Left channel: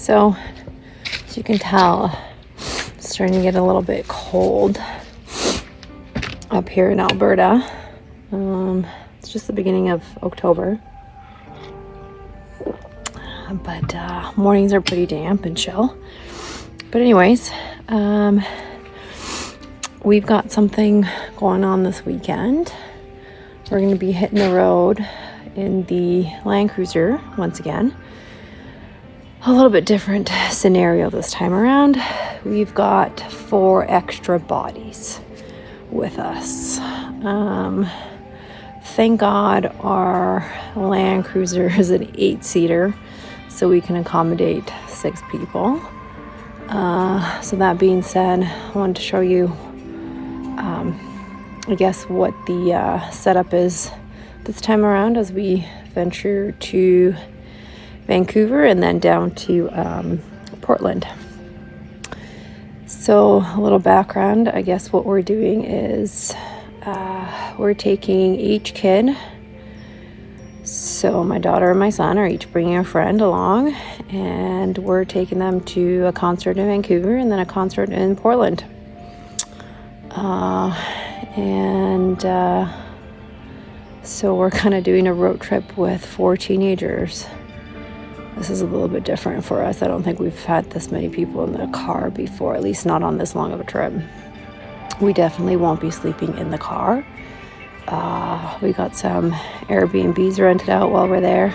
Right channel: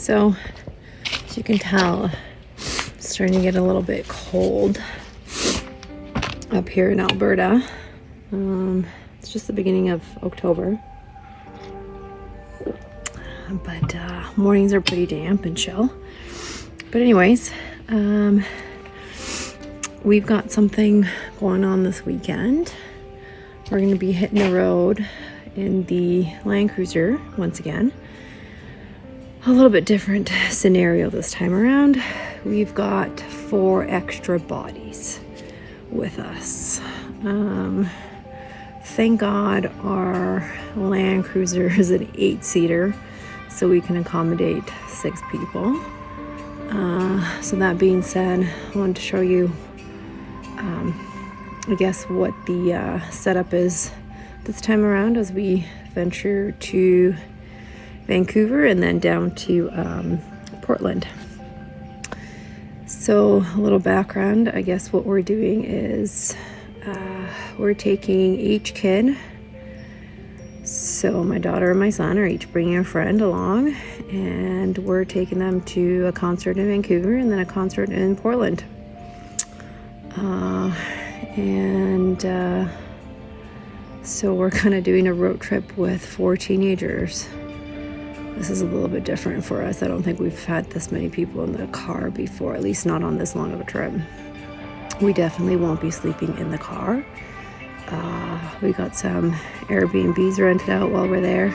So as you can tell, it's starting to get a little bit cold up here in Alberta. It's just the beginning of October, but mornings are pretty damp and chill. But anyways, we've got something going on this weekend. We're going to be hitting the road in the Land Cruiser once again. A little bit different scenario this time around. We've got 4 extra bodies with us. Thank God our Land Cruiser is an 8-seater, so we can accommodate 6 people. So that being said, I wanted to show you, I guess, what the setup is this time around as we venture to Vancouver and then down to Portland. So a little background, I guess what we're doing is we're taking each kid. So my daughter and my son are each bringing a friend along, and we're taking them to a concert in Vancouver and then a concert in Portland. So we're kind of doing a road trip with 4 teenagers. This is a little bit different for us. I don't think we've had this many people in the car before, at least not on this long of a trip. We definitely won't be sleeping in the car. We got some Airbnbs rented out while we're there.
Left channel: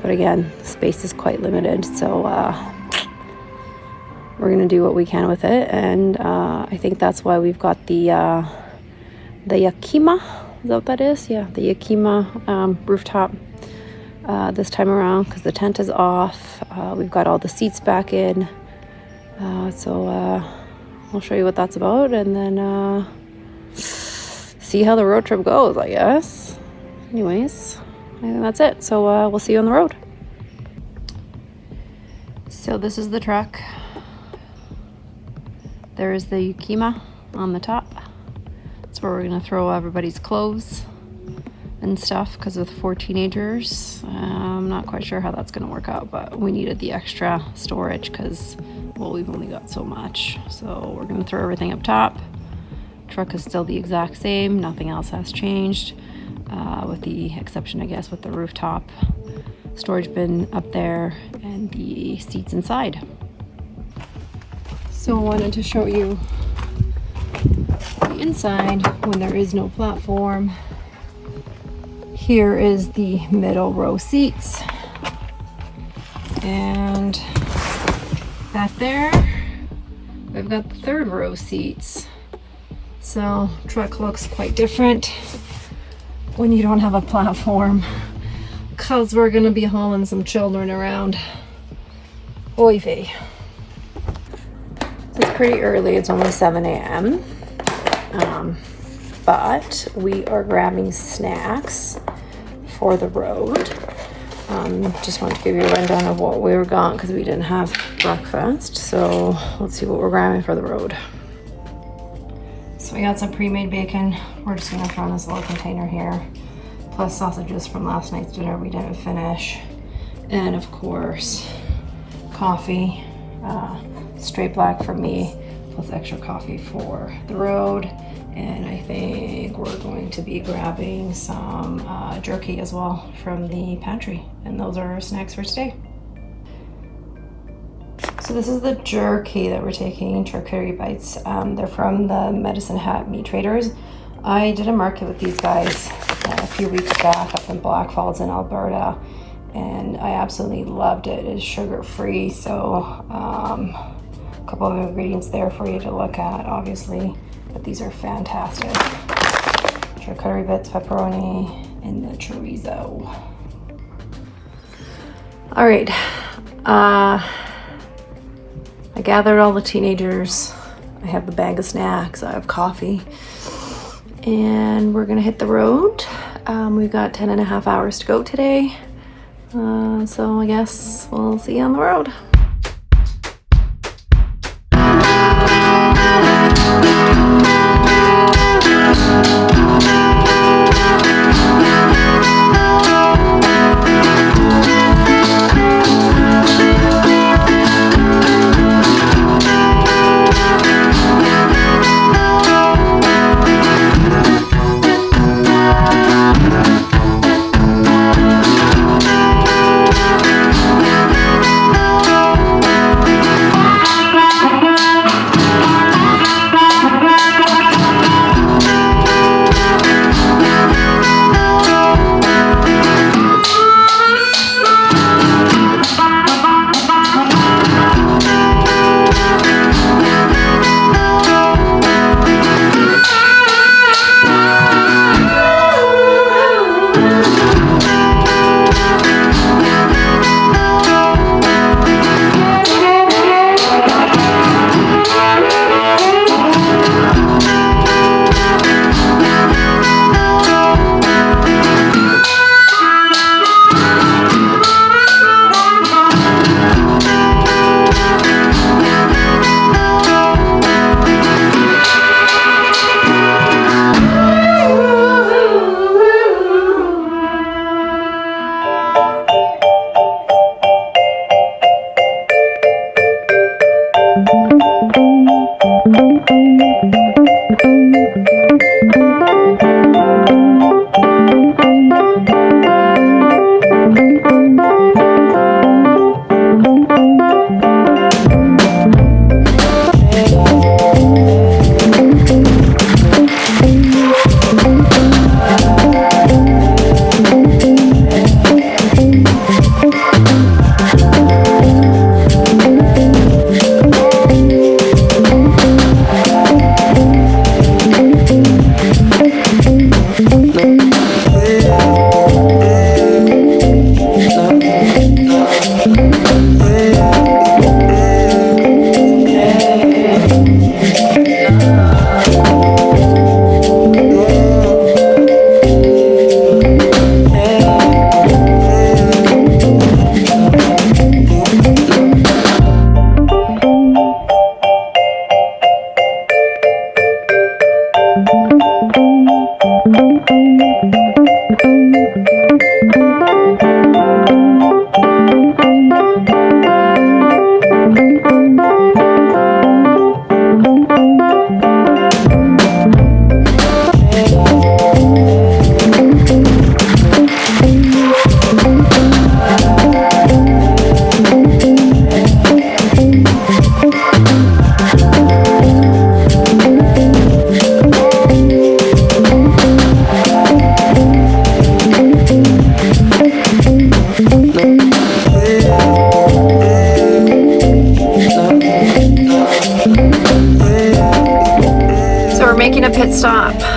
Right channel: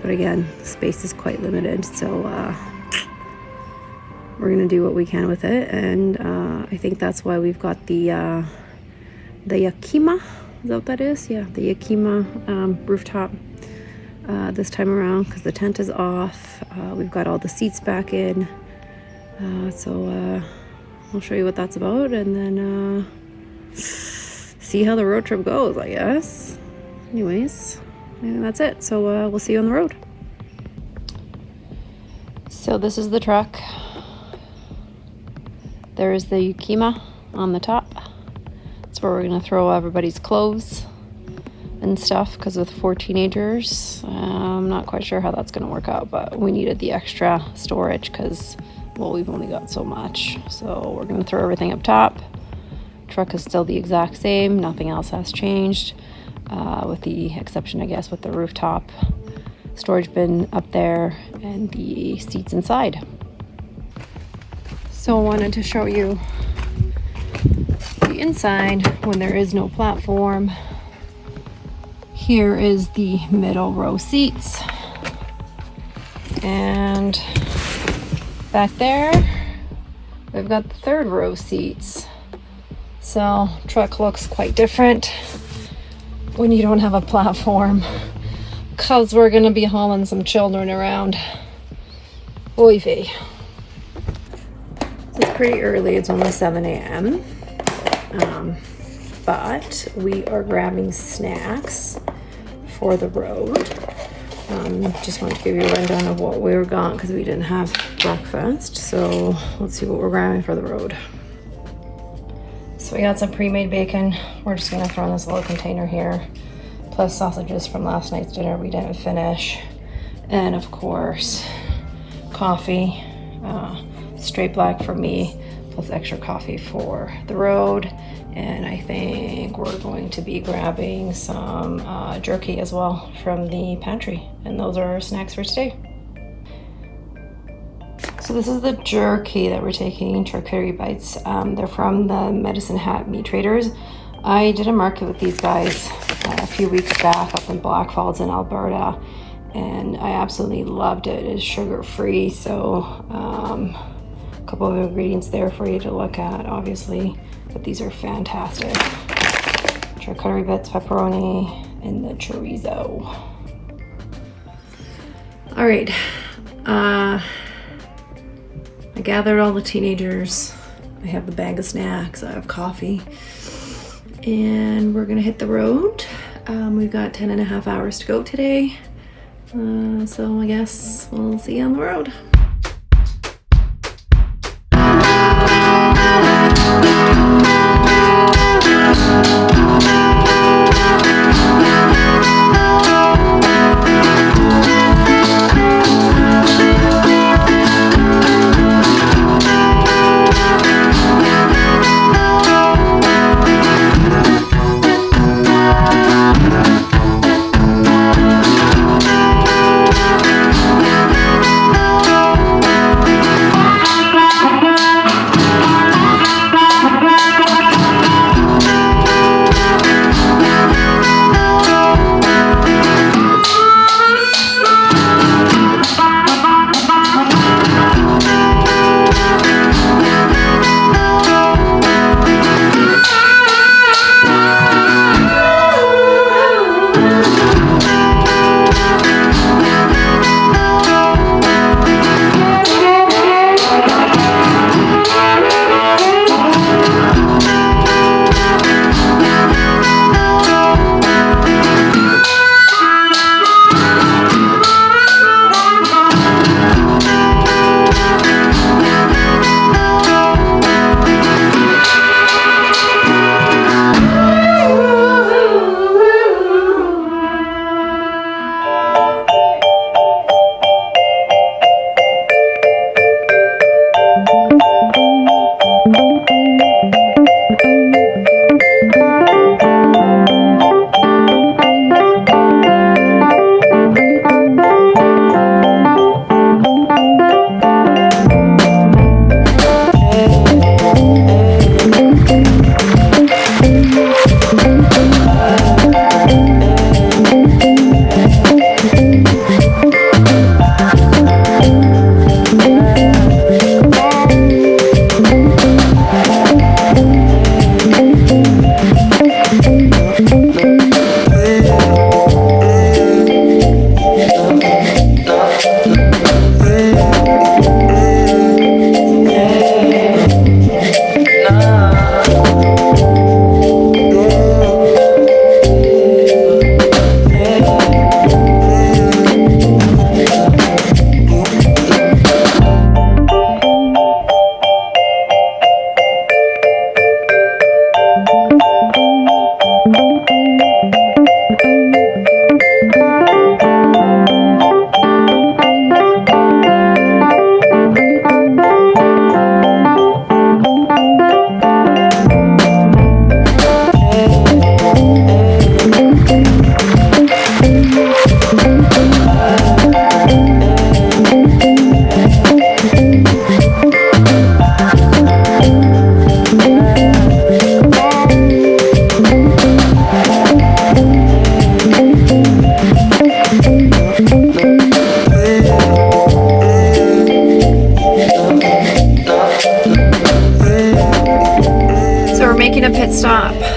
But again, space is quite limited, so we're going to do what we can with it. And I think that's why we've got the Yakima. Is that what that is? Yeah, the Yakima rooftop this time around, because the tent is off. We've got all the seats back in. So I'll show you what that's about, and then see how the road trip goes, I guess. Anyways, I think that's it. So we'll see you on the road. So this is the truck. There's the Yakima on the top. That's where we're going to throw everybody's clothes and stuff, because with 4 teenagers, I'm not quite sure how that's going to work out, but we needed the extra storage because, well, we've only got so much. So we're going to throw everything up top. Truck is still the exact same. Nothing else has changed, with the exception, I guess, with the rooftop storage bin up there and the seats inside. So I wanted to show you the inside when there is no platform. Here is the middle row seats, and back there we've got the 3rd row seats. So truck looks quite different when you don't have a platform, because we're going to be hauling some children around. Oy vey. It's pretty early, it's only 7 a.m. But we are grabbing snacks for the road. Just wanted to give you a rundown of what we were got, because we didn't have breakfast. So let's see what we're grabbing for the road. So we got some pre-made bacon. We're just gonna throw in this little container here, plus sausages from last night's dinner we didn't finish, and of course coffee, straight black for me, plus extra coffee for the road. And I think we're going to be grabbing some jerky as well from the pantry. And those are our snacks for today. So this is the jerky that we're taking, charcuterie bites. They're from the Medicine Hat Meat Traders. I did a market with these guys a few weeks back up in Black Falls in Alberta, and I absolutely loved it. It's sugar-free, so a couple of ingredients there for you to look at, obviously. But these are fantastic. Charcuterie bits, pepperoni, and the chorizo. All right. I gathered all the teenagers. I have the bag of snacks. I have coffee. And we're gonna hit the road. We've got 10.5 hours to go today. So I guess we'll see you on the road.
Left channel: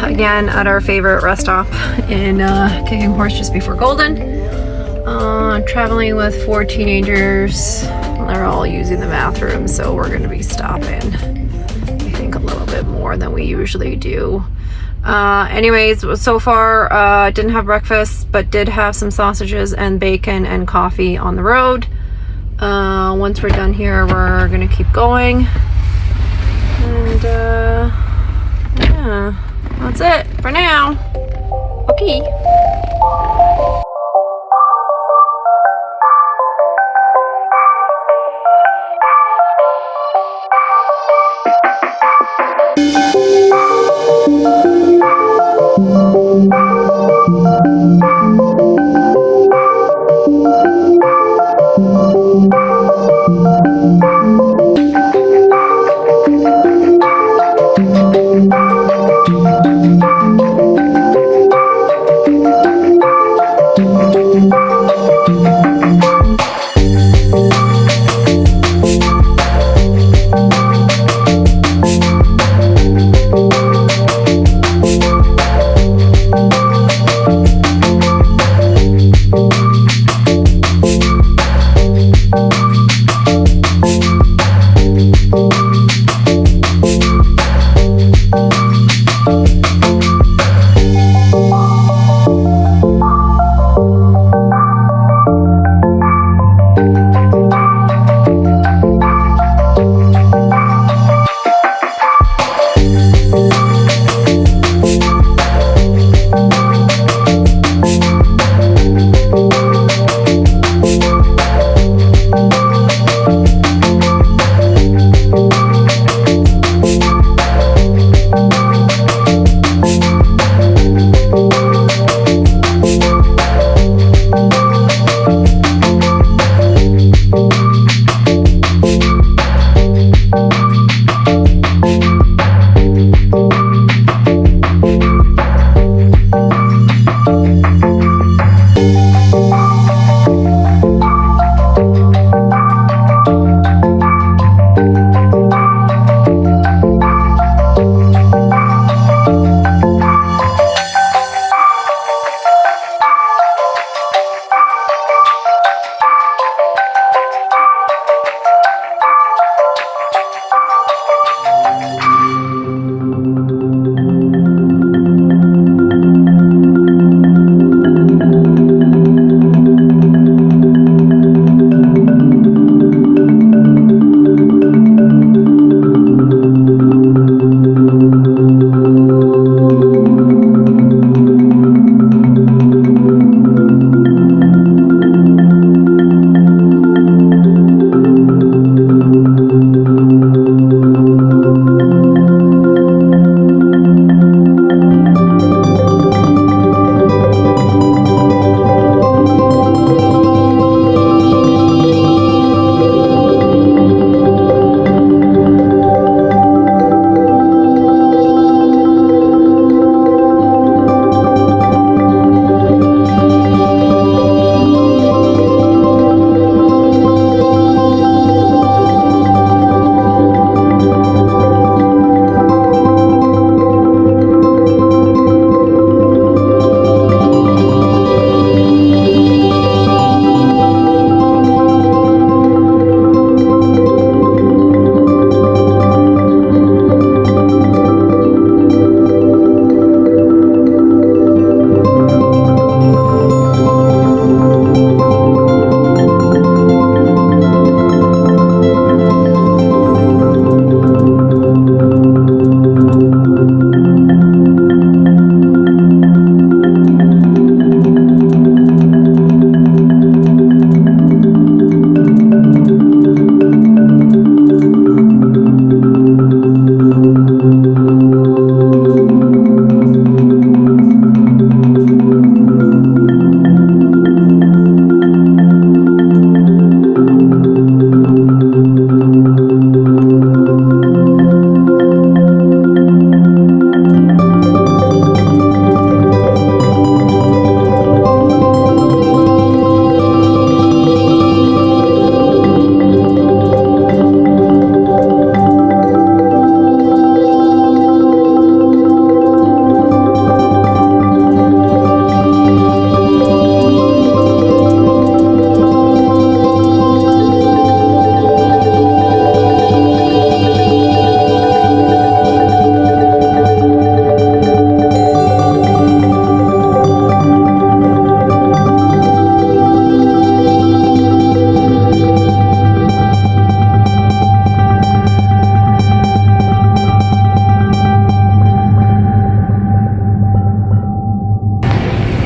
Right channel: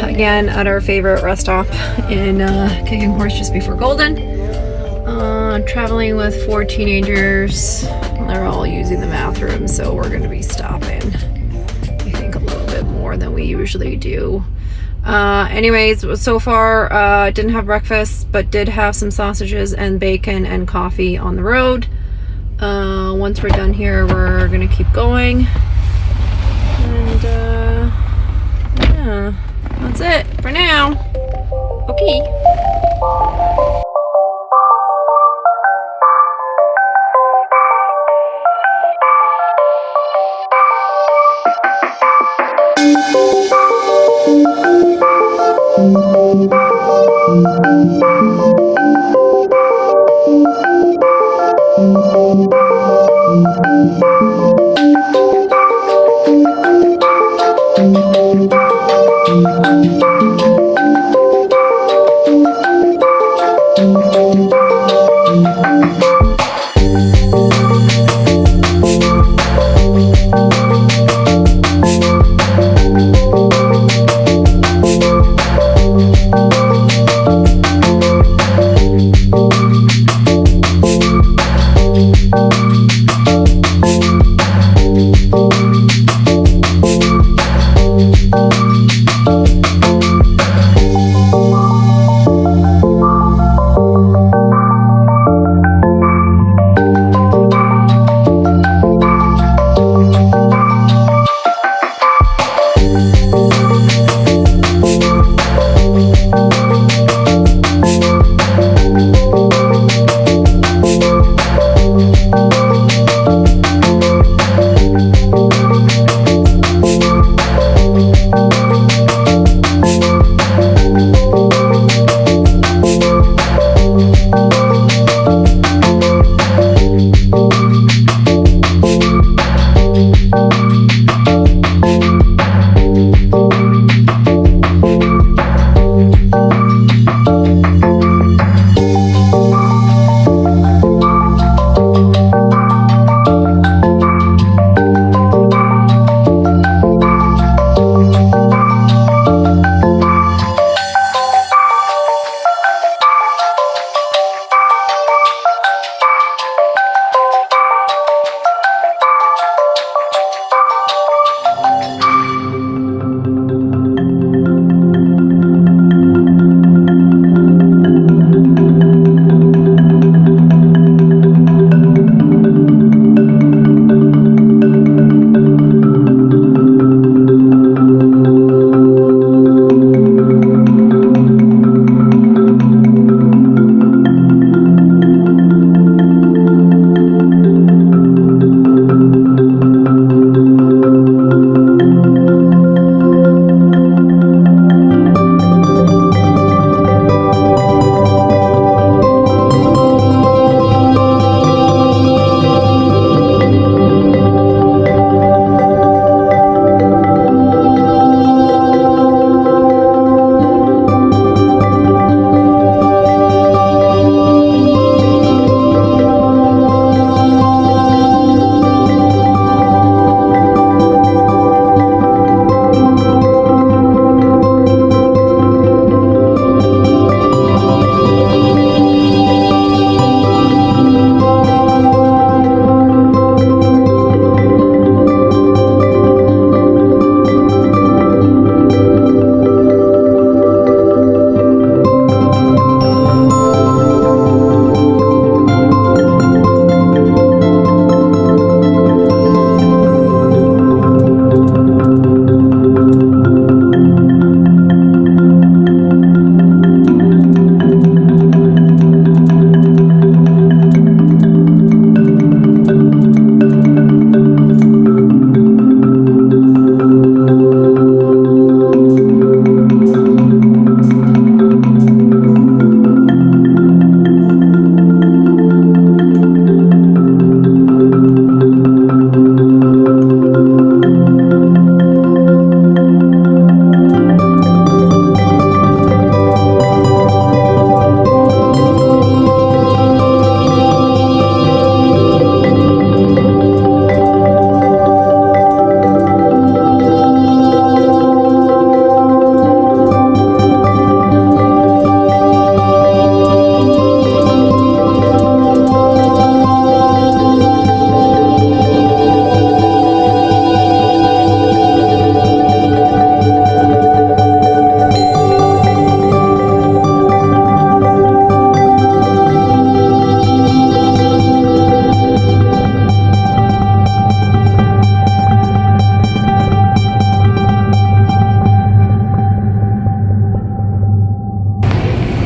again at our favorite rest stop in Kicking Horse just before Golden. Traveling with 4 teenagers. They're all using the bathroom, so we're going to be stopping, I think, a little bit more than we usually do. Anyways, so far didn't have breakfast, but did have some sausages and bacon and coffee on the road. Once we're done here, we're gonna keep going, and yeah, that's it for now. Okay.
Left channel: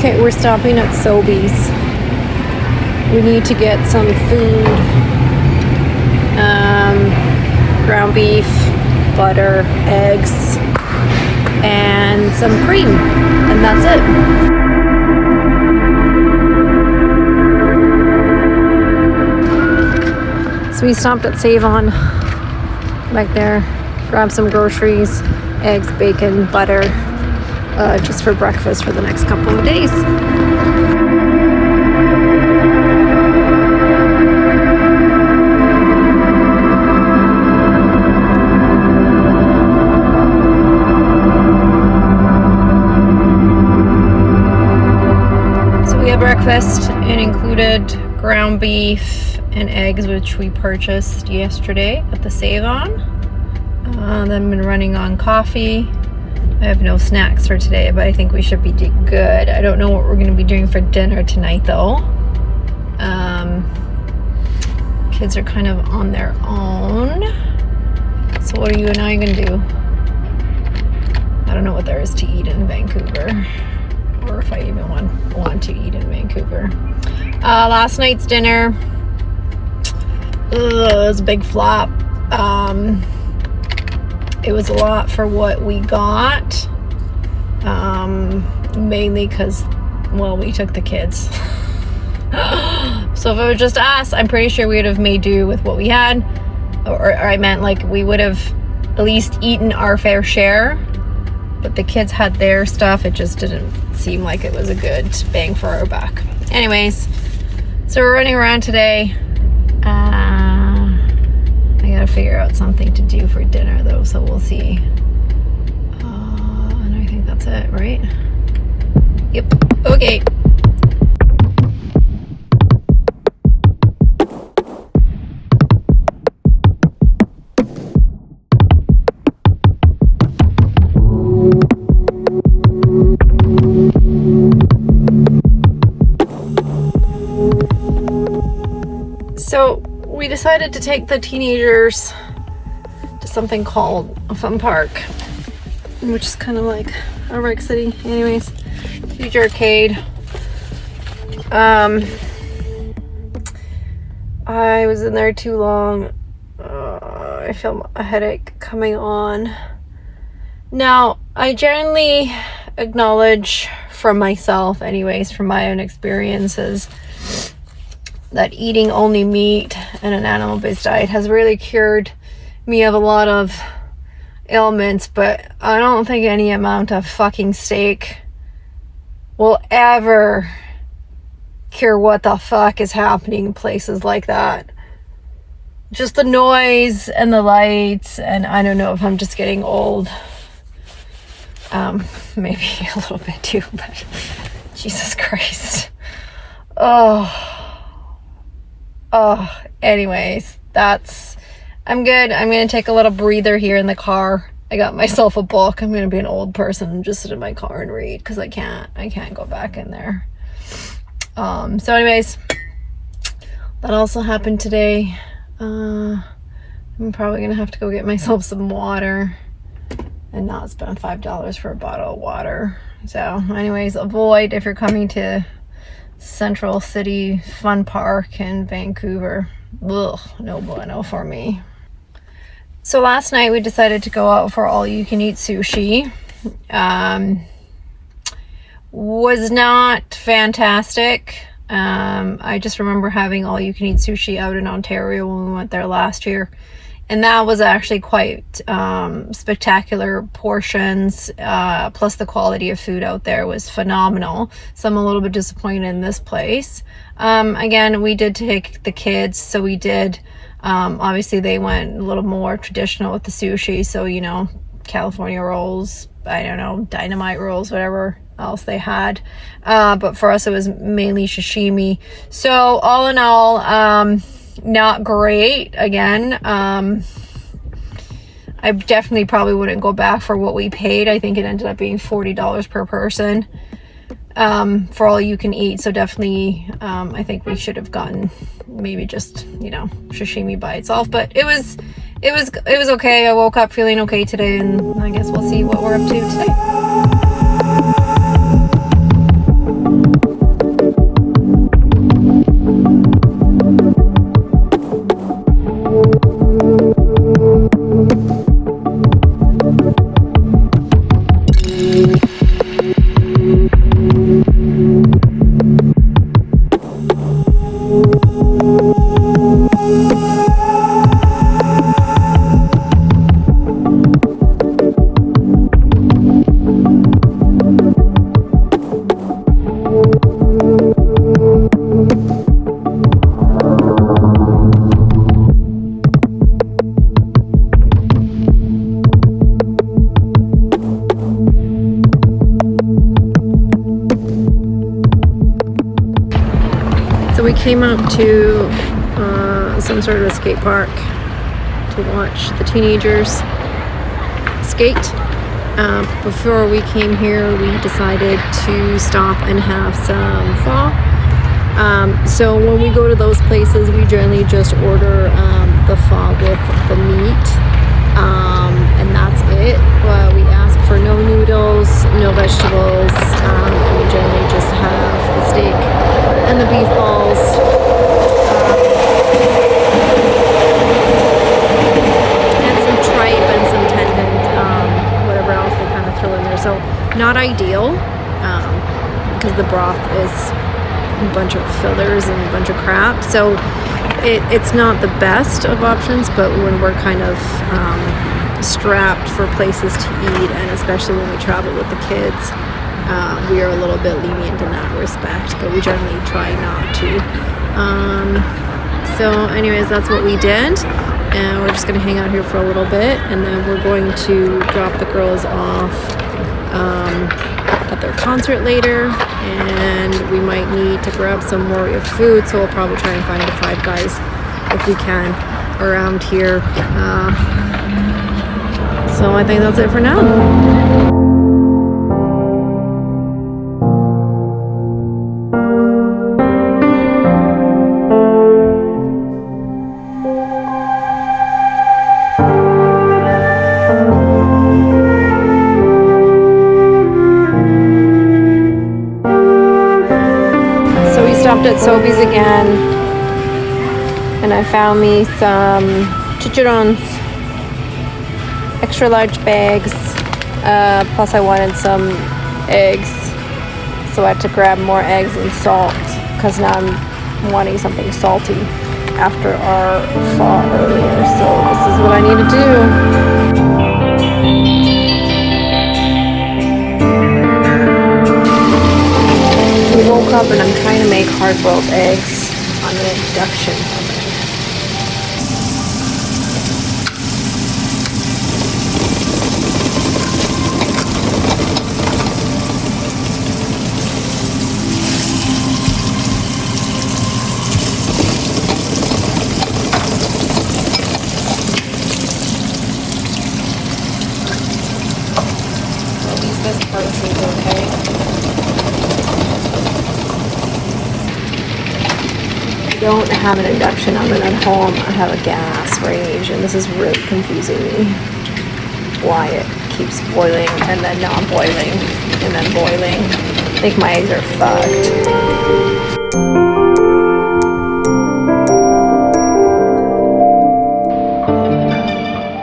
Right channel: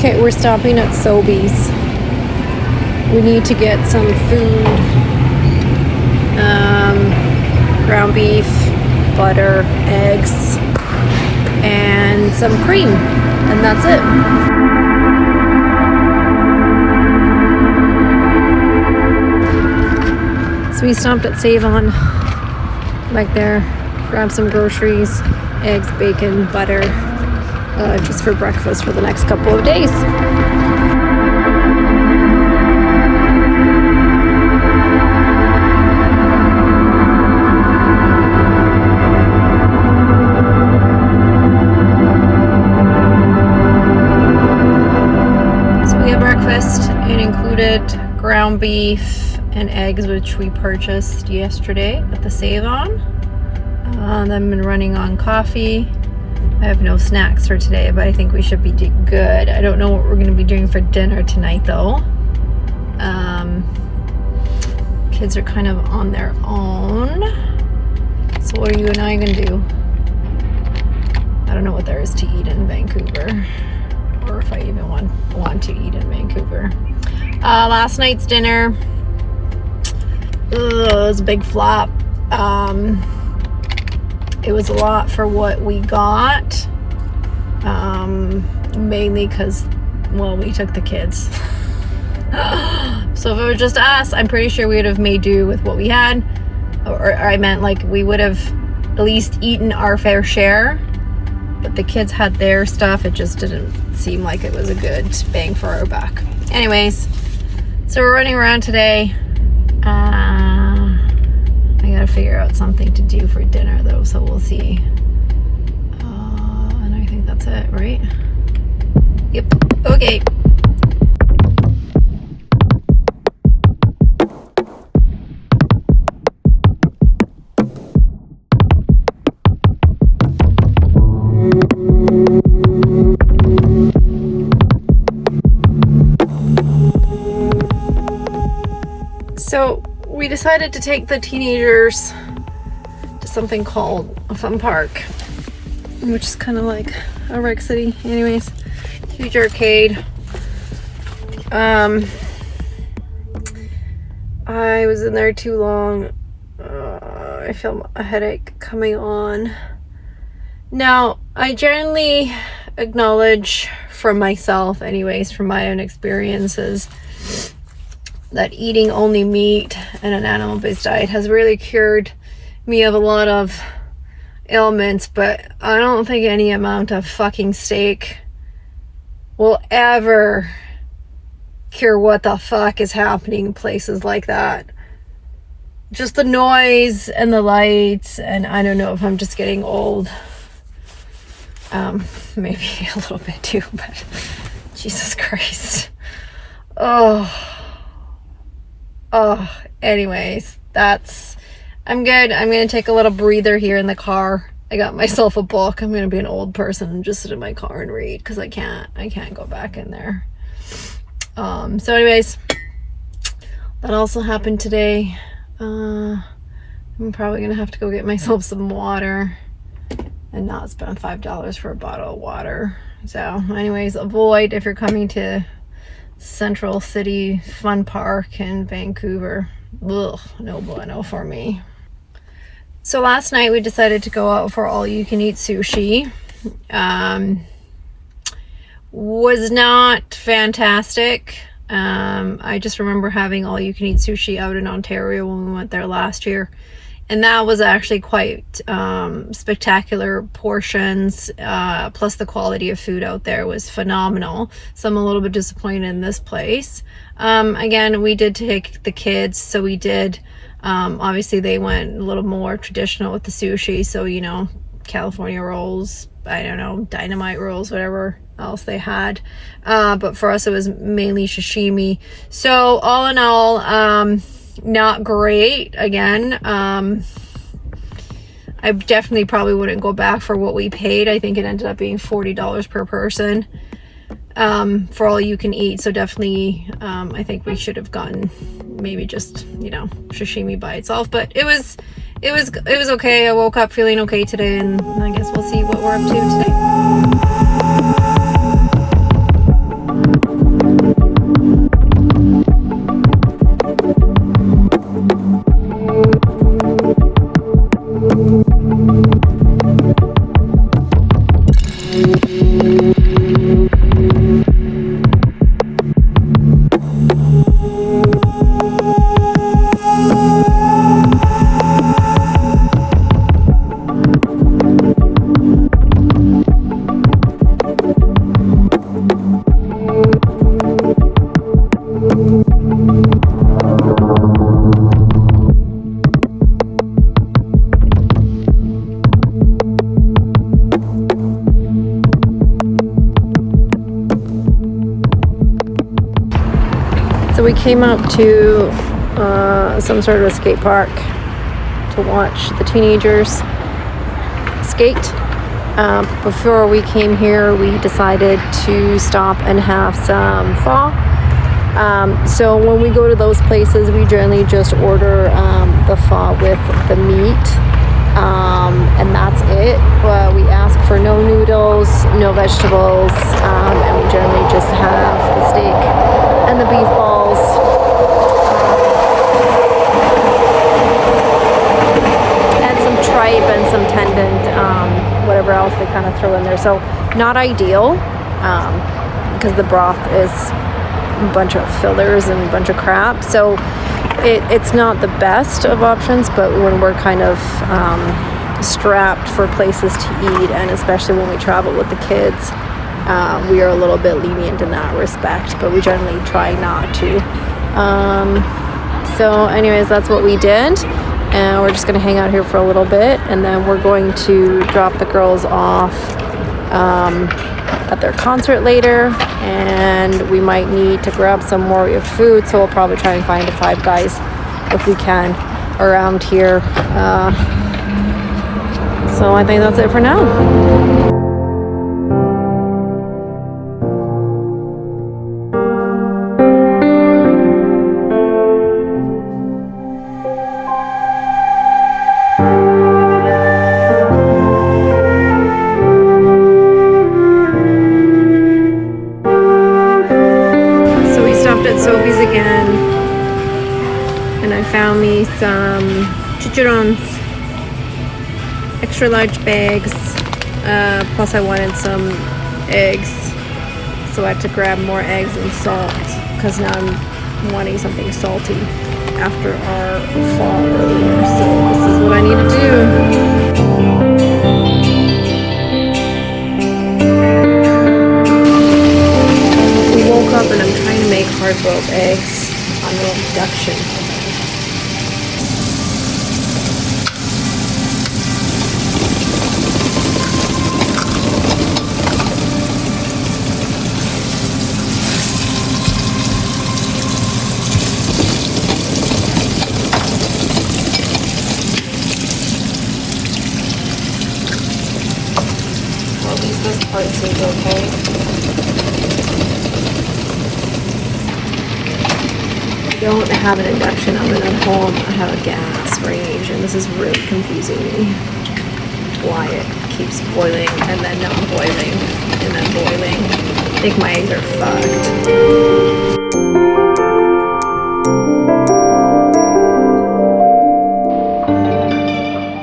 Okay, we're stopping at Sobeys. We need to get some food. Ground beef, butter, eggs, and some cream. And that's it. So we stopped at Save-On, right there. Grabbed some groceries, eggs, bacon, butter, just for breakfast for the next couple of days. So we had breakfast. It included ground beef and eggs, which we purchased yesterday at the Save-On. Then I've been running on coffee. I have no snacks for today, but I think we should be good. I don't know what we're going to be doing for dinner tonight, though. Kids are kind of on their own. So what are you and I going to do? I don't know what there is to eat in Vancouver, or if I even want to eat in Vancouver. Last night's dinner, it was a big flop. It was a lot for what we got, mainly because, well, we took the kids. So if it was just us, I'm pretty sure we would have made do with what we had, or I meant like we would have at least eaten our fair share, but the kids had their stuff. It just didn't seem like it was a good bang for our buck. Anyways, so we're running around today. I gotta figure out something to do for dinner though, so we'll see. And I think that's it, right? Yep. Okay. So we decided to take the teenagers to something called a fun park, which is kind of like a rec city. Anyways, huge arcade. I was in there too long. I feel a headache coming on. Now, I generally acknowledge from myself, anyways, from my own experiences, that eating only meat and an animal-based diet has really cured me of a lot of ailments, but I don't think any amount of fucking steak will ever cure what the fuck is happening in places like that. Just the noise and the lights, and I don't know if I'm just getting old. Maybe a little bit too, but Jesus Christ. Anyways, I'm good. I'm going to take a little breather here in the car. I got myself a book. I'm going to be an old person and just sit in my car and read, because I can't go back in there. So anyways, that also happened today. I'm probably going to have to go get myself some water and not spend $5 for a bottle of water. So anyways, avoid if you're coming to Central City Fun Park in Vancouver. Ugh, no bueno for me. So last night we decided to go out for all-you-can-eat sushi. Was not fantastic. I just remember having all-you-can-eat sushi out in Ontario when we went there last year. And that was actually quite spectacular portions, plus the quality of food out there was phenomenal. So I'm a little bit disappointed in this place. Again, we did take the kids, so we did, obviously they went a little more traditional with the sushi. So, you know, California rolls, I don't know, dynamite rolls, whatever else they had. But for us, it was mainly sashimi. So all in all, not great. Again, I definitely probably wouldn't go back for what we paid. I think it ended up being $40 per person for all you can eat. So definitely, I think we should have gotten maybe just, you know, sashimi by itself. But it was okay. I woke up feeling okay today, and I guess we'll see what we're up to today. So we came up to some sort of a skate park to watch the teenagers skate. Before we came here, we decided to stop and have some pho. So when we go to those places, we generally just order the pho with the meat, and that's it. We ask for no noodles, no vegetables, and we generally just have the steak and the beef balls. And some tripe and some tendon, whatever else they kind of throw in there. So not ideal, because the broth is a bunch of fillers and a bunch of crap. So it's not the best of options, but when we're kind of strapped for places to eat, and especially when we travel with the kids, we are a little bit lenient in that respect, but we generally try not to. So anyways, that's what we did, and we're just going to hang out here for a little bit, and then we're going to drop the girls off at their concert later, and we might need to grab some more food, so we'll probably try and find a Five Guys if we can around here. So I think that's it for now. At Sobeys again, and I found me some chicharrones, extra large bags, plus I wanted some eggs, so I had to grab more eggs and salt, because now I'm wanting something salty after our pho earlier. So this is what I need to do. We woke up and I'm trying to make hard-boiled eggs on an induction oven. Well, this part seems okay. I don't have an induction oven at home. I have a gas range, and this is really confusing me. Why it keeps boiling and then not boiling and then boiling. I think my eggs are fucked.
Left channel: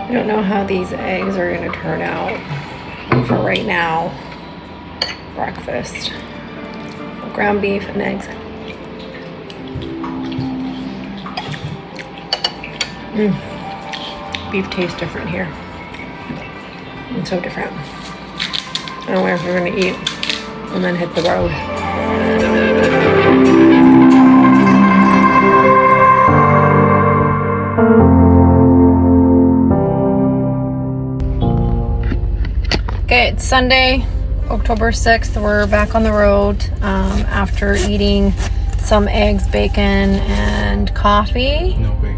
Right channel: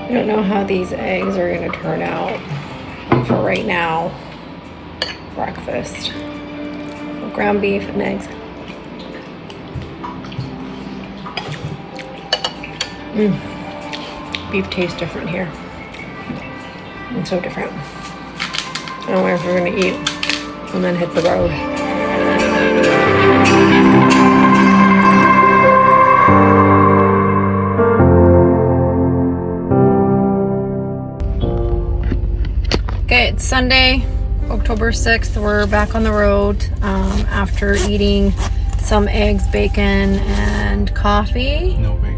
I don't know how these eggs are going to turn out for right now. Breakfast. Ground beef and eggs. Beef tastes different here. It's so different. I don't know if we're gonna eat and then hit the road. Okay, it's Sunday, October 6th. We're back on the road after eating some eggs, bacon, and coffee. No bacon.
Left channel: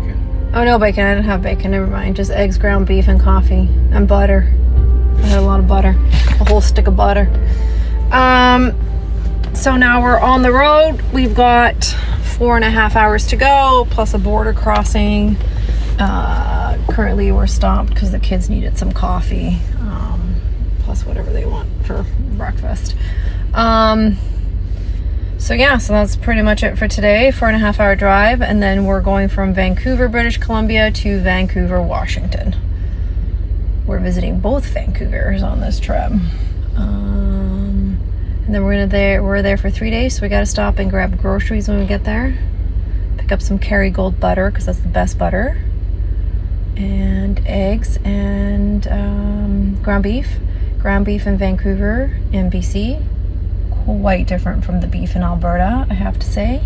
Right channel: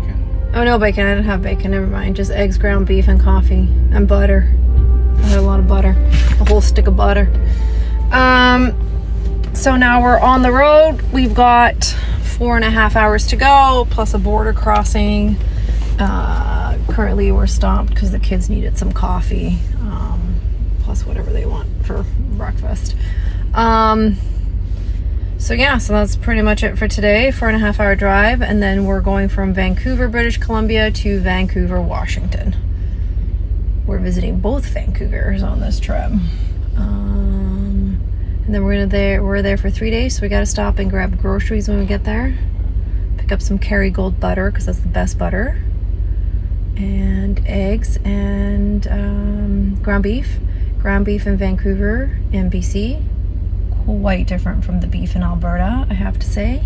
Oh, no bacon. I didn't have bacon. Never mind. Just eggs, ground beef, and coffee. And butter. I had a lot of butter. A whole stick of butter. So now we're on the road. We've got 4.5 hours to go, plus a border crossing. Currently we're stopped because the kids needed some coffee. Plus whatever they want for breakfast. So yeah, so that's pretty much it for today. 4.5 hour drive, and then we're going from Vancouver, British Columbia to Vancouver, Washington. We're visiting both Vancouvers on this trip. And then we're there for 3 days, so we gotta stop and grab groceries when we get there. Pick up some Kerrygold butter, because that's the best butter. And eggs and ground beef. Ground beef in Vancouver, in BC. Quite different from the beef in Alberta, I have to say.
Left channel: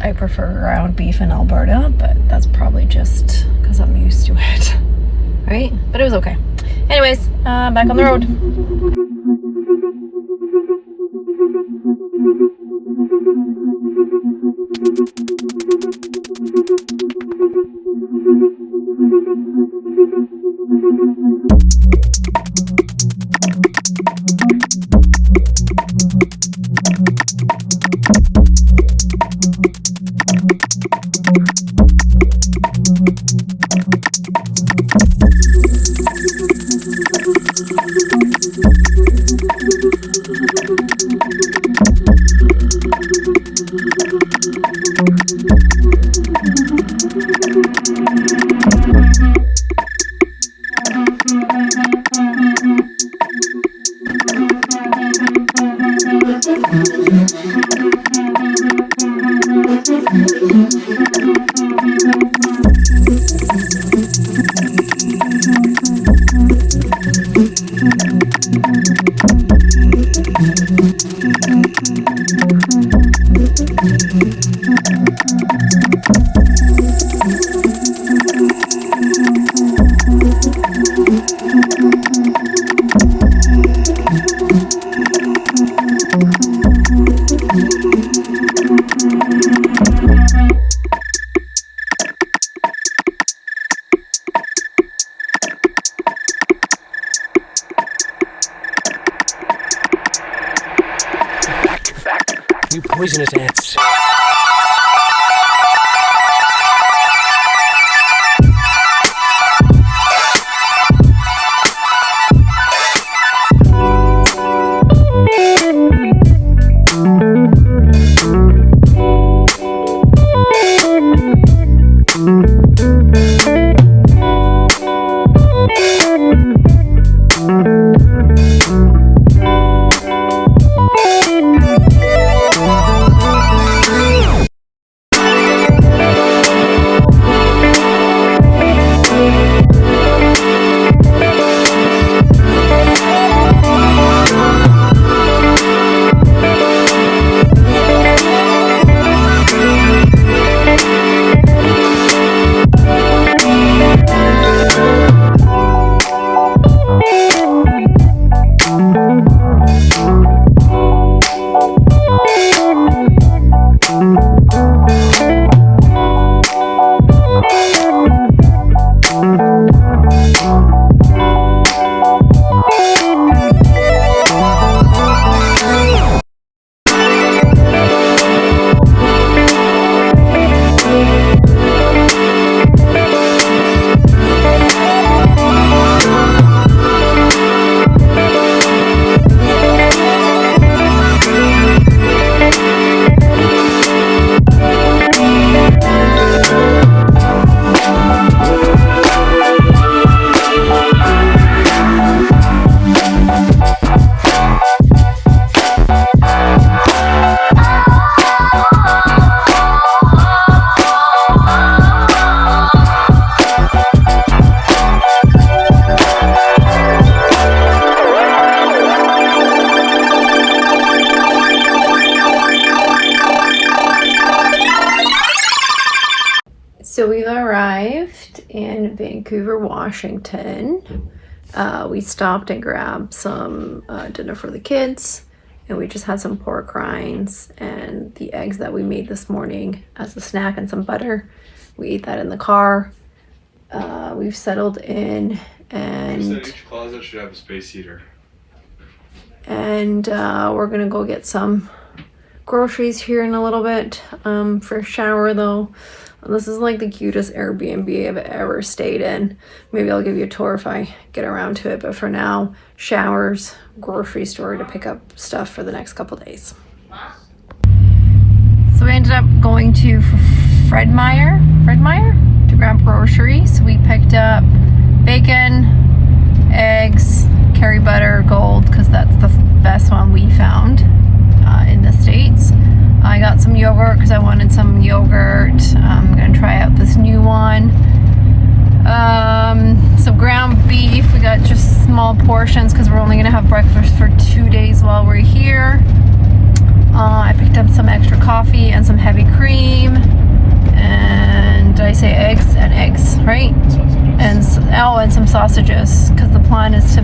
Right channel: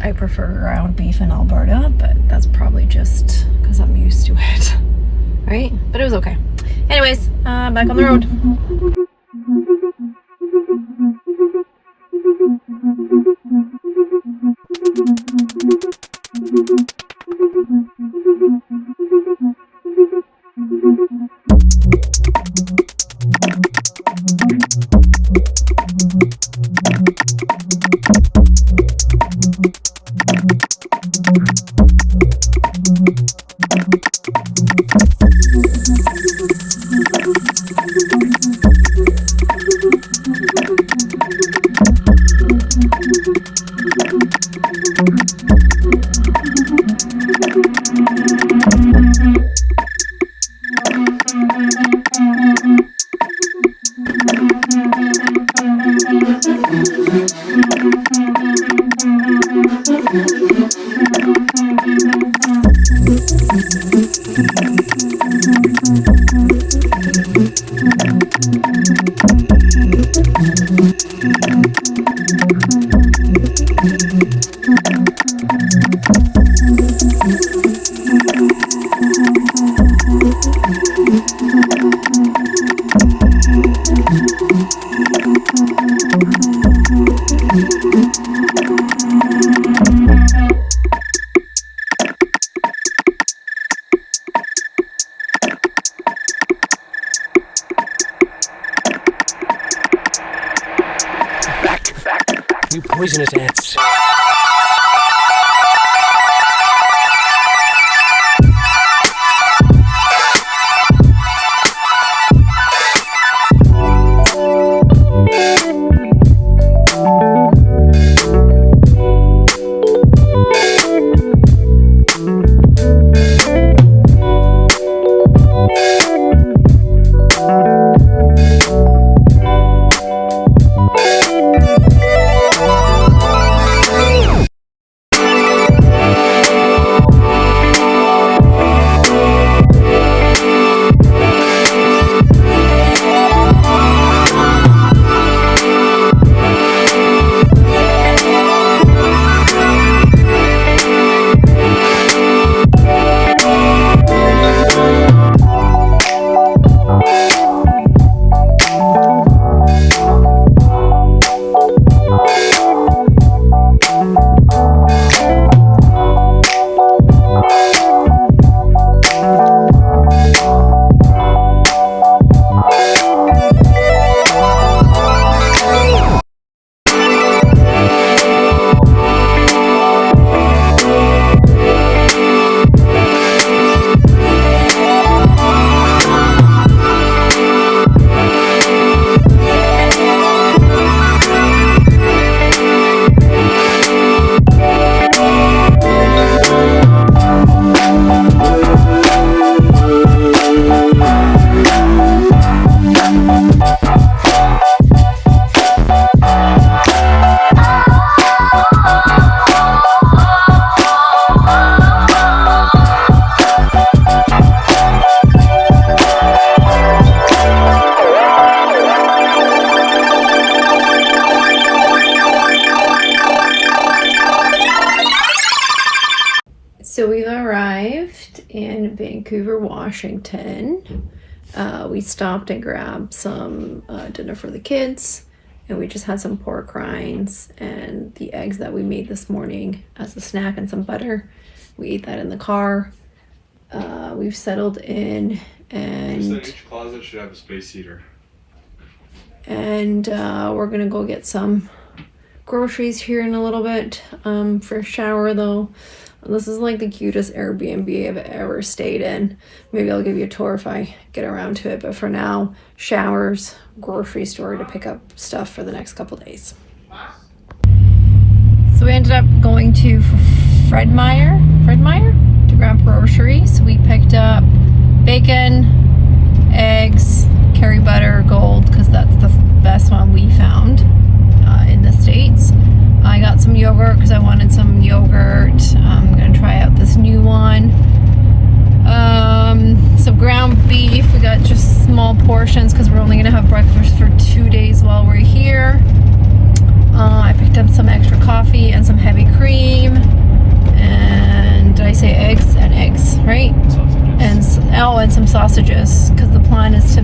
I prefer ground beef in Alberta, but that's probably just because I'm used to it, right? But it was okay. Anyways, back on the road. You poisonous ants. So we've arrived in Vancouver, Washington. We stopped and grabbed some dinner for the kids, and we just had some pork rinds and the eggs that we made this morning as a snack and some butter. We ate that in the car. We've settled in, and each closet should have a space heater. And we're gonna go get some groceries here in a little bit. For a shower though. This is like the cutest Airbnb I've ever stayed in. Maybe I'll give you a tour if I get around to it. But for now, showers, grocery store to pick up stuff for the next couple days. So we ended up going to Fred Meyer to grab groceries. We picked up bacon, eggs, curry butter, gold, because that's the best one we found in the States. I got some yogurt because I wanted some yogurt. I'm going to try out this new one. Some ground beef. We got just small portions because we're only going to have breakfast for 2 days while we're here. I picked up some extra coffee and some heavy cream. And did I say eggs? And eggs, right? And some sausages, because the plan is to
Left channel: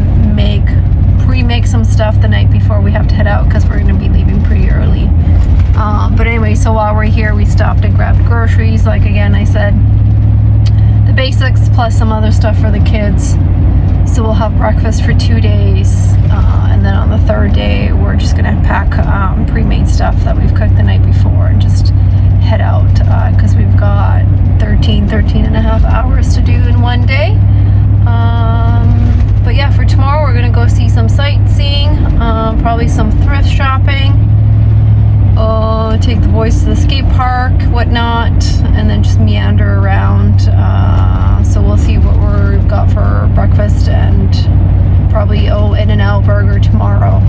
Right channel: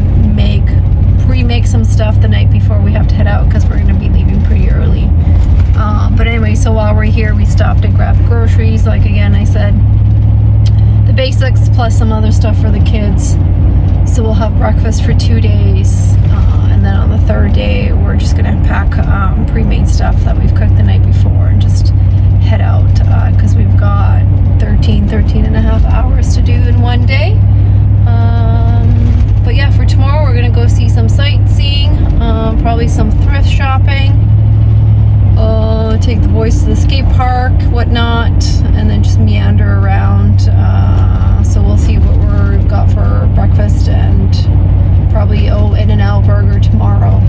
pre-make some stuff the night before we have to head out, because we're going to be leaving pretty early. But anyway, so while we're here, we stopped and grabbed groceries. Like again, I said, the basics plus some other stuff for the kids. So we'll have breakfast for 2 days. And then on the third day, we're just going to pack pre-made stuff that we've cooked the night before and just head out, because we've got 13 and a half hours to do in one day. But yeah, for tomorrow, we're going to go see some sightseeing, probably some thrift shopping. Take the boys to the skate park, whatnot, and then just meander around. So we'll see what we've got for breakfast, and probably In-N-Out burger tomorrow.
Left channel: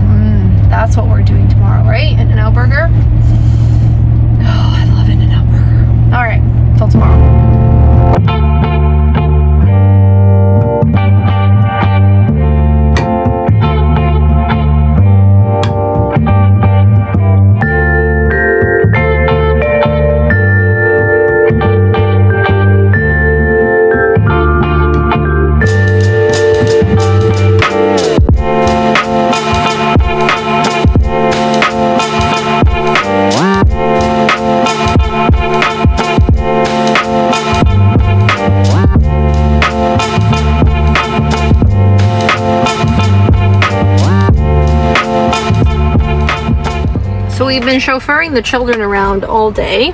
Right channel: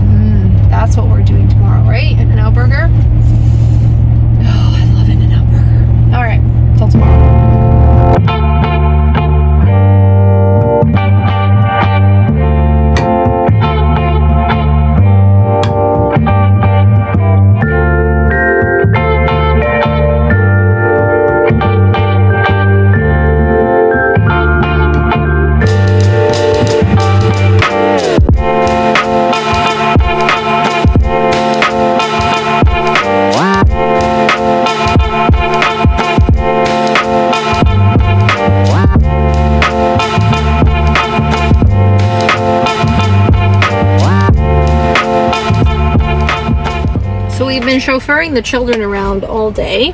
That's what we're doing tomorrow, right? In-N-Out burger. Oh, I love In-N-Out burger. All right, till tomorrow. So we've been chauffeuring the children around all day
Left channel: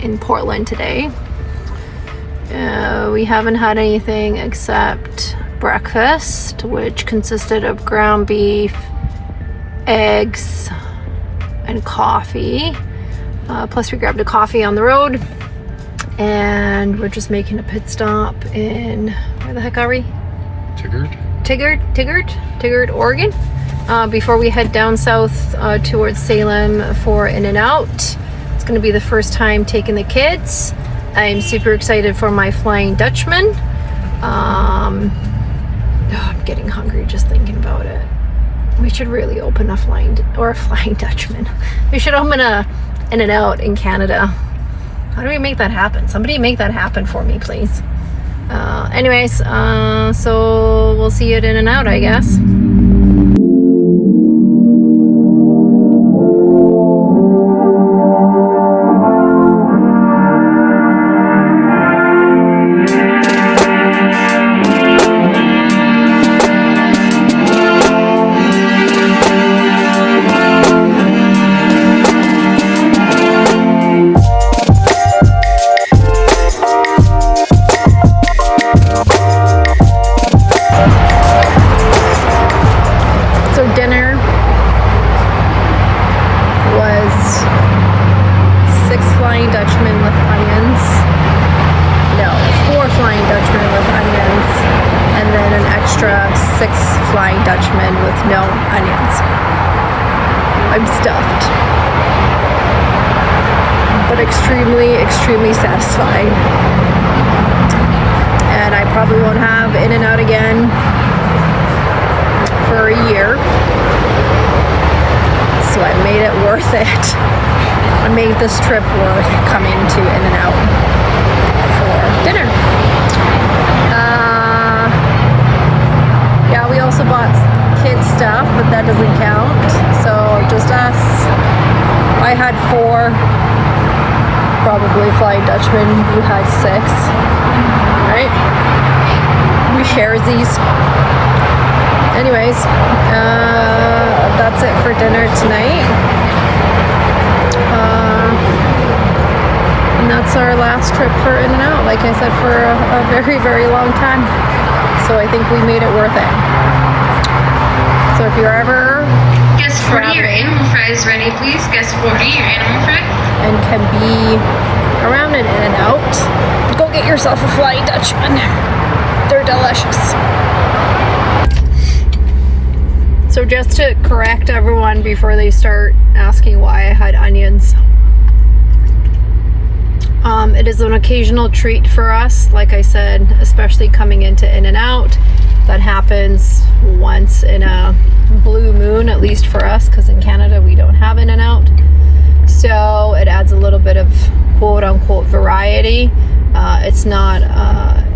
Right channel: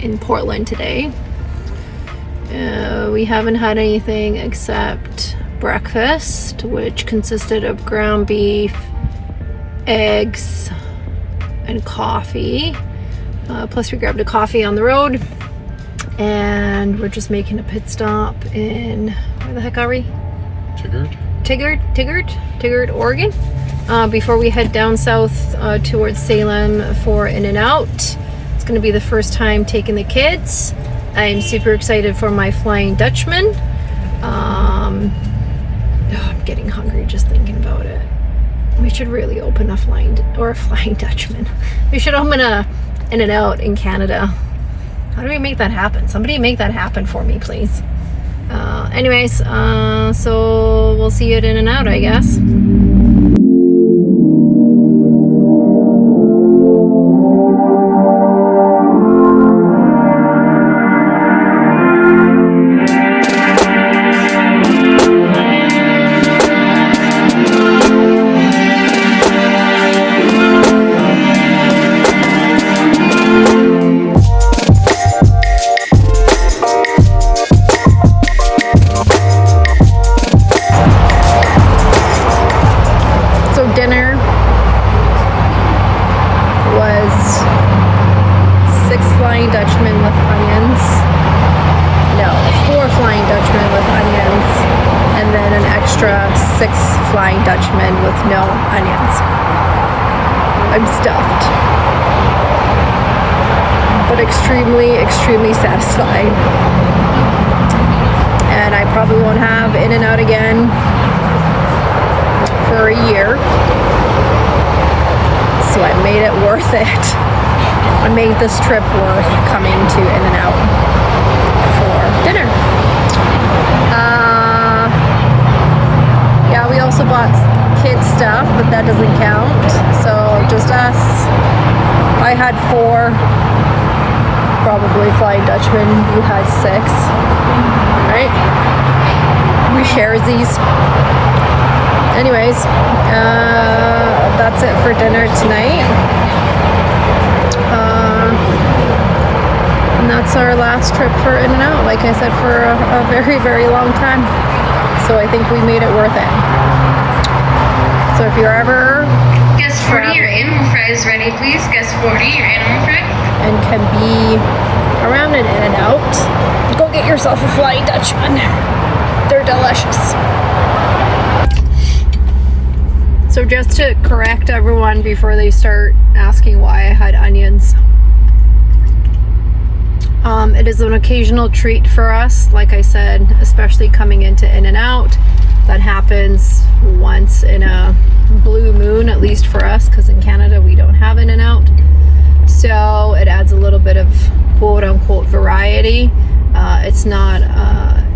in Portland today. We haven't had anything except breakfast, which consisted of ground beef, eggs, and coffee. Plus we grabbed a coffee on the road, and we're just making a pit stop in, where the heck are we? Tigard, Oregon. Before we head down south towards Salem for In-N-Out. It's going to be the first time taking the kids. I'm super excited for my Flying Dutchman. I'm getting hungry just thinking about it. We should really open a Flying Dutchman. We should open a In-N-Out in Canada. How do we make that happen? Somebody make that happen for me, please. Anyways, so we'll see you at In-N-Out, I guess. Dinner was 6 Flying Dutchmen with onions. No, 4 Flying Dutchmen with onions, and then an extra 6 Flying Dutchmen with no onions. I'm stuffed, but extremely satisfied. And I probably won't have In-N-Out again for a year, so I made it worth it. I made this trip worth coming to In-N-Out for dinner. Yeah, we also bought kids stuff, but that doesn't count, so just us. I had 4 probably Flying Dutchmen. You had 6, right? We share these. Anyways, that's it for dinner tonight. And that's our last trip for In-N-Out, like I said, for a very long time. So I think we made it worth it. So if you're ever Guest 40, your animal fries ready, please. Guest 40, your animal fries. and can be around an In-N-Out, go get yourself a Flying Dutchman. They're delicious. So just to correct everyone before they start asking why I had onions, it is an occasional treat for us, like I said, especially coming into In-N-Out. That happens once in a blue moon, at least for us, because in Canada we don't have In-N-Out. So it adds a little bit of quote-unquote variety. It's not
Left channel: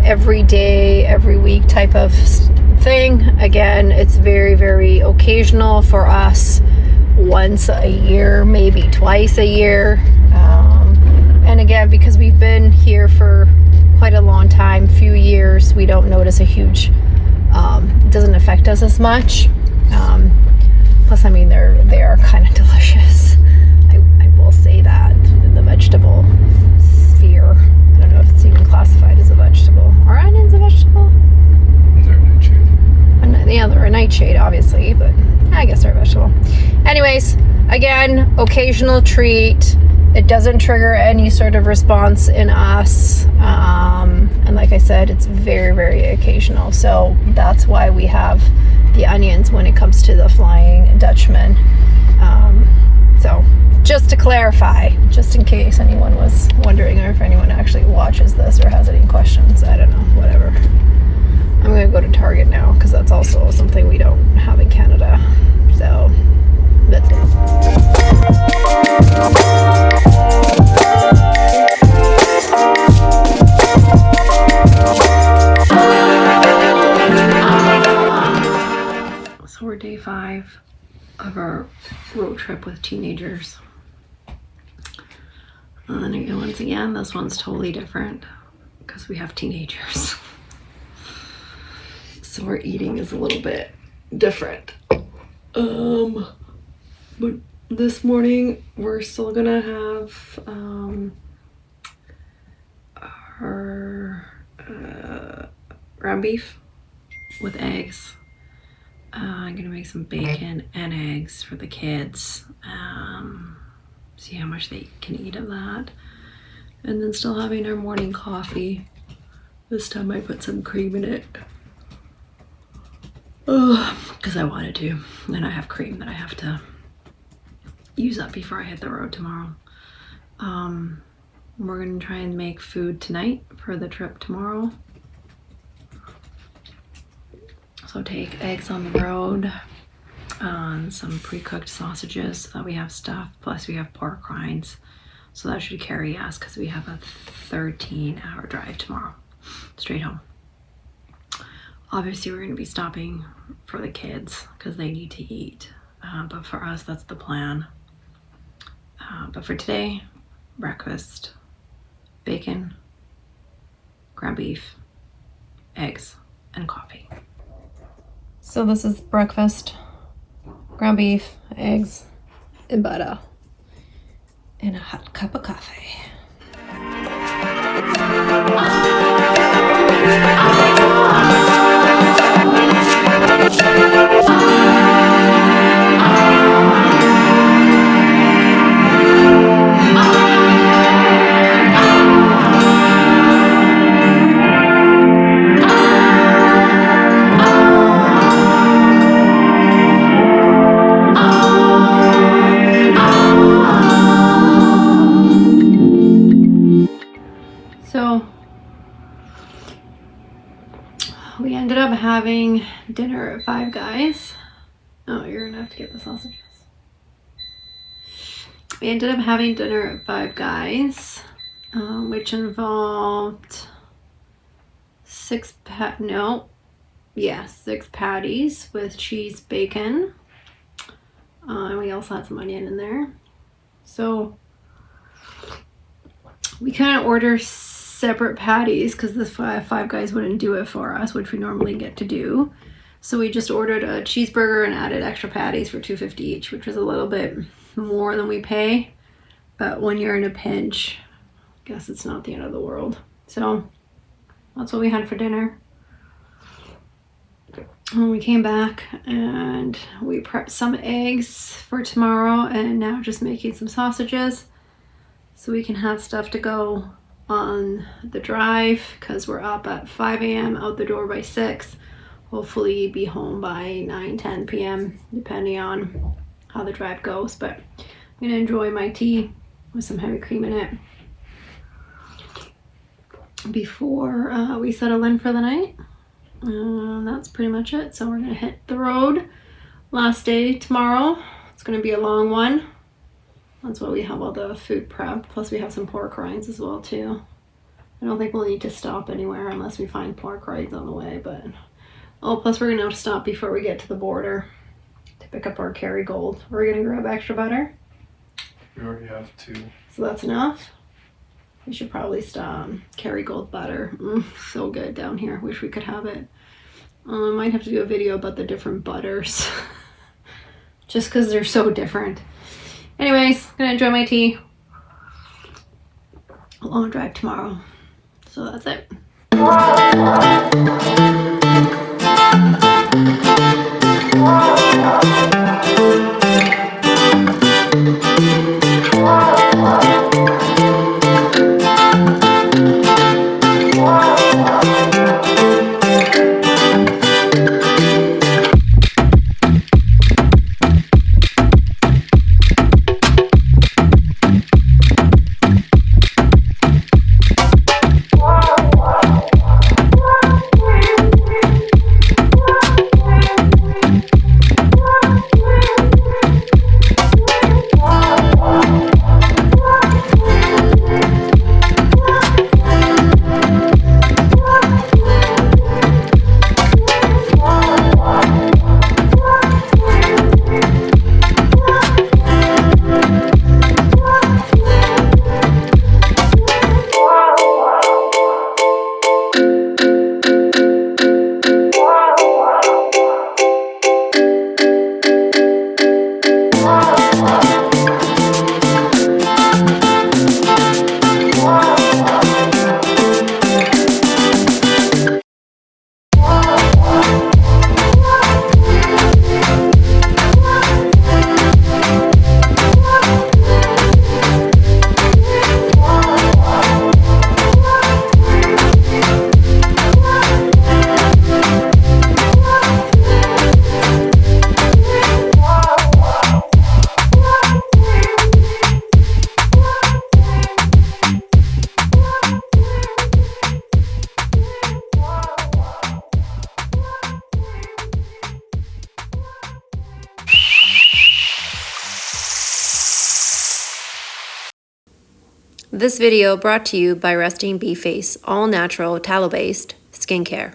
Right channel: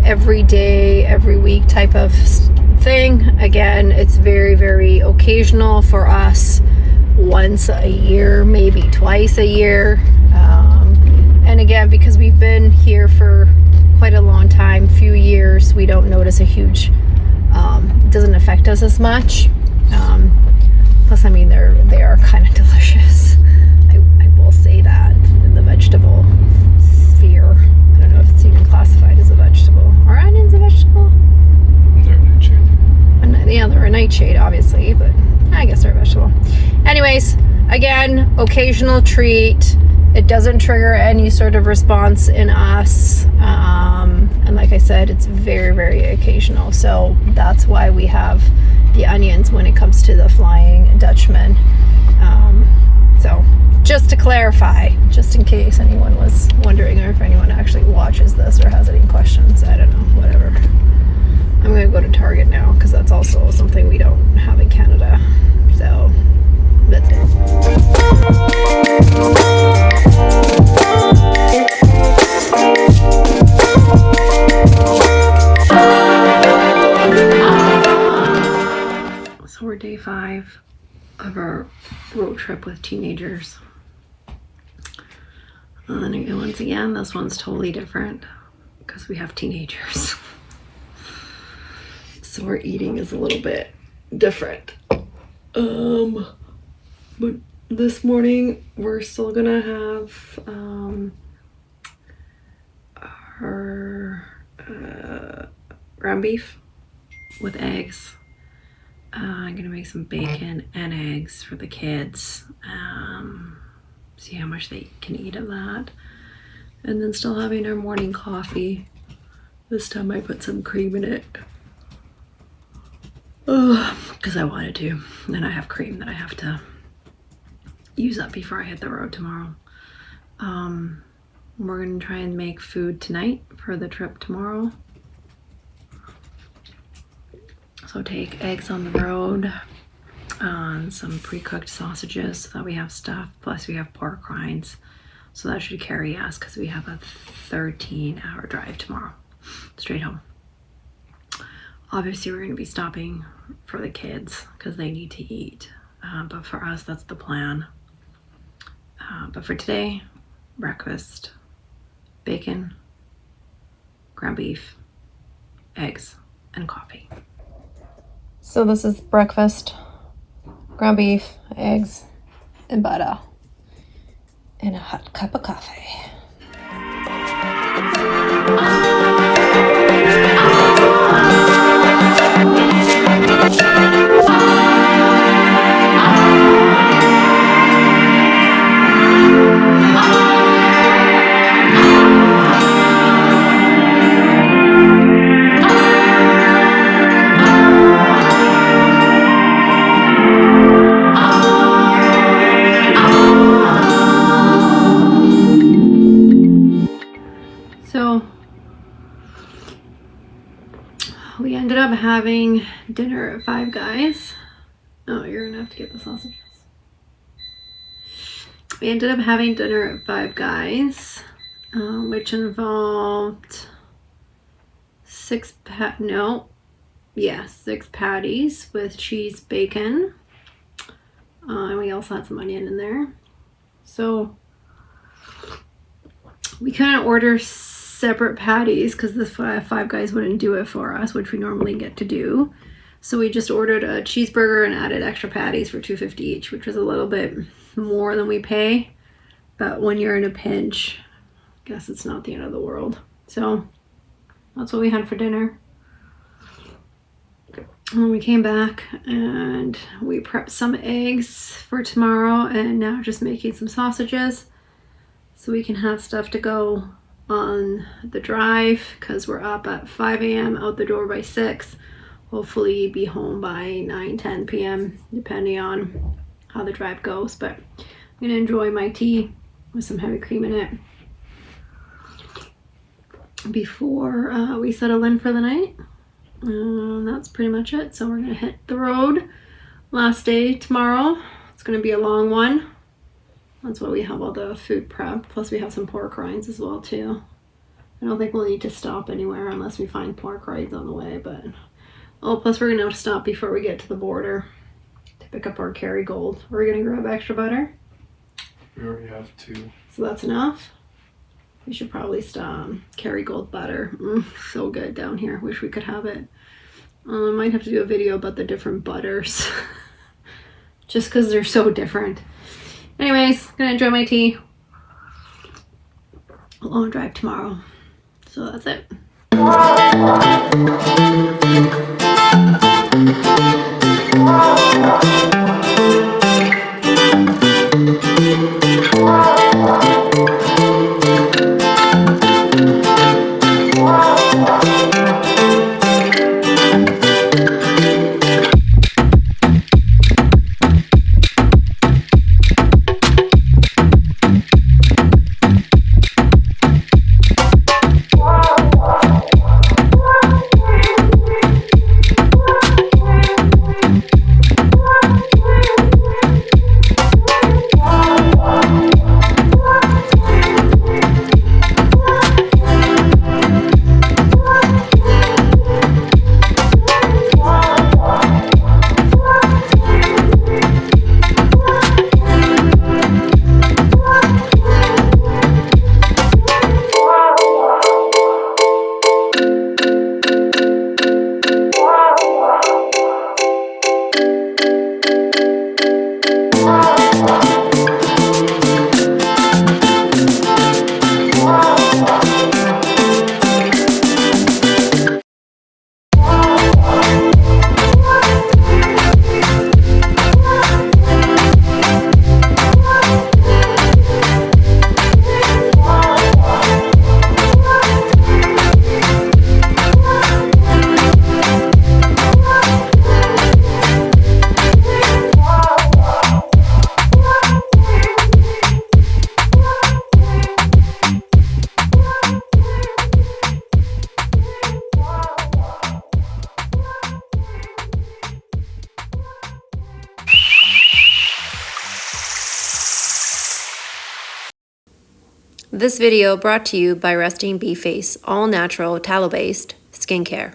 every day, every week type of thing. Again, it's very occasional for us, once a year, maybe twice a year. And again, because we've been here for quite a long time, few years, we don't notice a huge, it doesn't affect us as much. Plus, I mean, they are kind of delicious. I will say that in the vegetable sphere. I don't know if it's even classified as a vegetable. Are onions a vegetable? Yeah, they're a nightshade, obviously, but I guess they're a vegetable. Anyways, again, occasional treat. It doesn't trigger any sort of response in us. And like I said, it's very occasional. So that's why we have the onions when it comes to the Flying Dutchman. So just to clarify, just in case anyone was wondering, or if anyone actually watches this or has any questions, I don't know, whatever. I'm going to go to Target now because that's also something we don't have in Canada. So that's it. So we're day 5 of our road trip with teenagers. And again, once again, this one's totally different because we have teenagers. So our eating is a little bit different. But this morning we're still gonna have our ground beef with eggs. I'm gonna make some bacon and eggs for the kids. See how much they can eat of that. And then still having our morning coffee. This time I put some cream in it. Because I wanted to. And I have cream that I have to use up before I hit the road tomorrow. We're gonna try and make food tonight for the trip tomorrow. So take eggs on the road, some pre-cooked sausages so that we have stuff, plus we have pork rinds. So that should carry us because we have a 13-hour drive tomorrow, straight home. Obviously we're gonna be stopping for the kids because they need to eat. But for us, that's the plan. But for today, breakfast, bacon, ground beef, eggs, and coffee. So this is breakfast, ground beef, eggs, and butter, and a hot cup of coffee. So we ended up having dinner at Five Guys. Oh, you're gonna have to get the sausages. We ended up having dinner at Five Guys, which involved six patties with cheese, bacon, and we also had some onion in there. So we couldn't order separate patties because this Five Guys wouldn't do it for us, which we normally get to do. So we just ordered a cheeseburger and added extra patties for $2.50 each, which was a little bit more than we pay. But when you're in a pinch, I guess it's not the end of the world. So that's what we had for dinner. When we came back and we prepped some eggs for tomorrow, and now just making some sausages so we can have stuff to go on the drive because we're up at 5 a.m. out the door by 6. Hopefully be home by 9-10 p.m. depending on how the drive goes. But I'm gonna enjoy my tea with some heavy cream in it before we settle in for the night. That's pretty much it. So we're gonna hit the road. Last day tomorrow. It's gonna be a long one. That's why we have all the food prepped. Plus we have some pork rinds as well too. I don't think we'll need to stop anywhere unless we find pork rinds on the way, but plus we're gonna have to stop before we get to the border to pick up our Kerrygold. We're gonna grab extra butter. We already have 2. So that's enough. We should probably stop. Kerrygold butter, so good down here. Wish we could have it. I might have to do a video about the different butters just because they're so different. Anyways, gonna enjoy my tea. A long drive tomorrow. So that's it. This video brought to you by Resting Bee Face, all natural tallow-based skincare.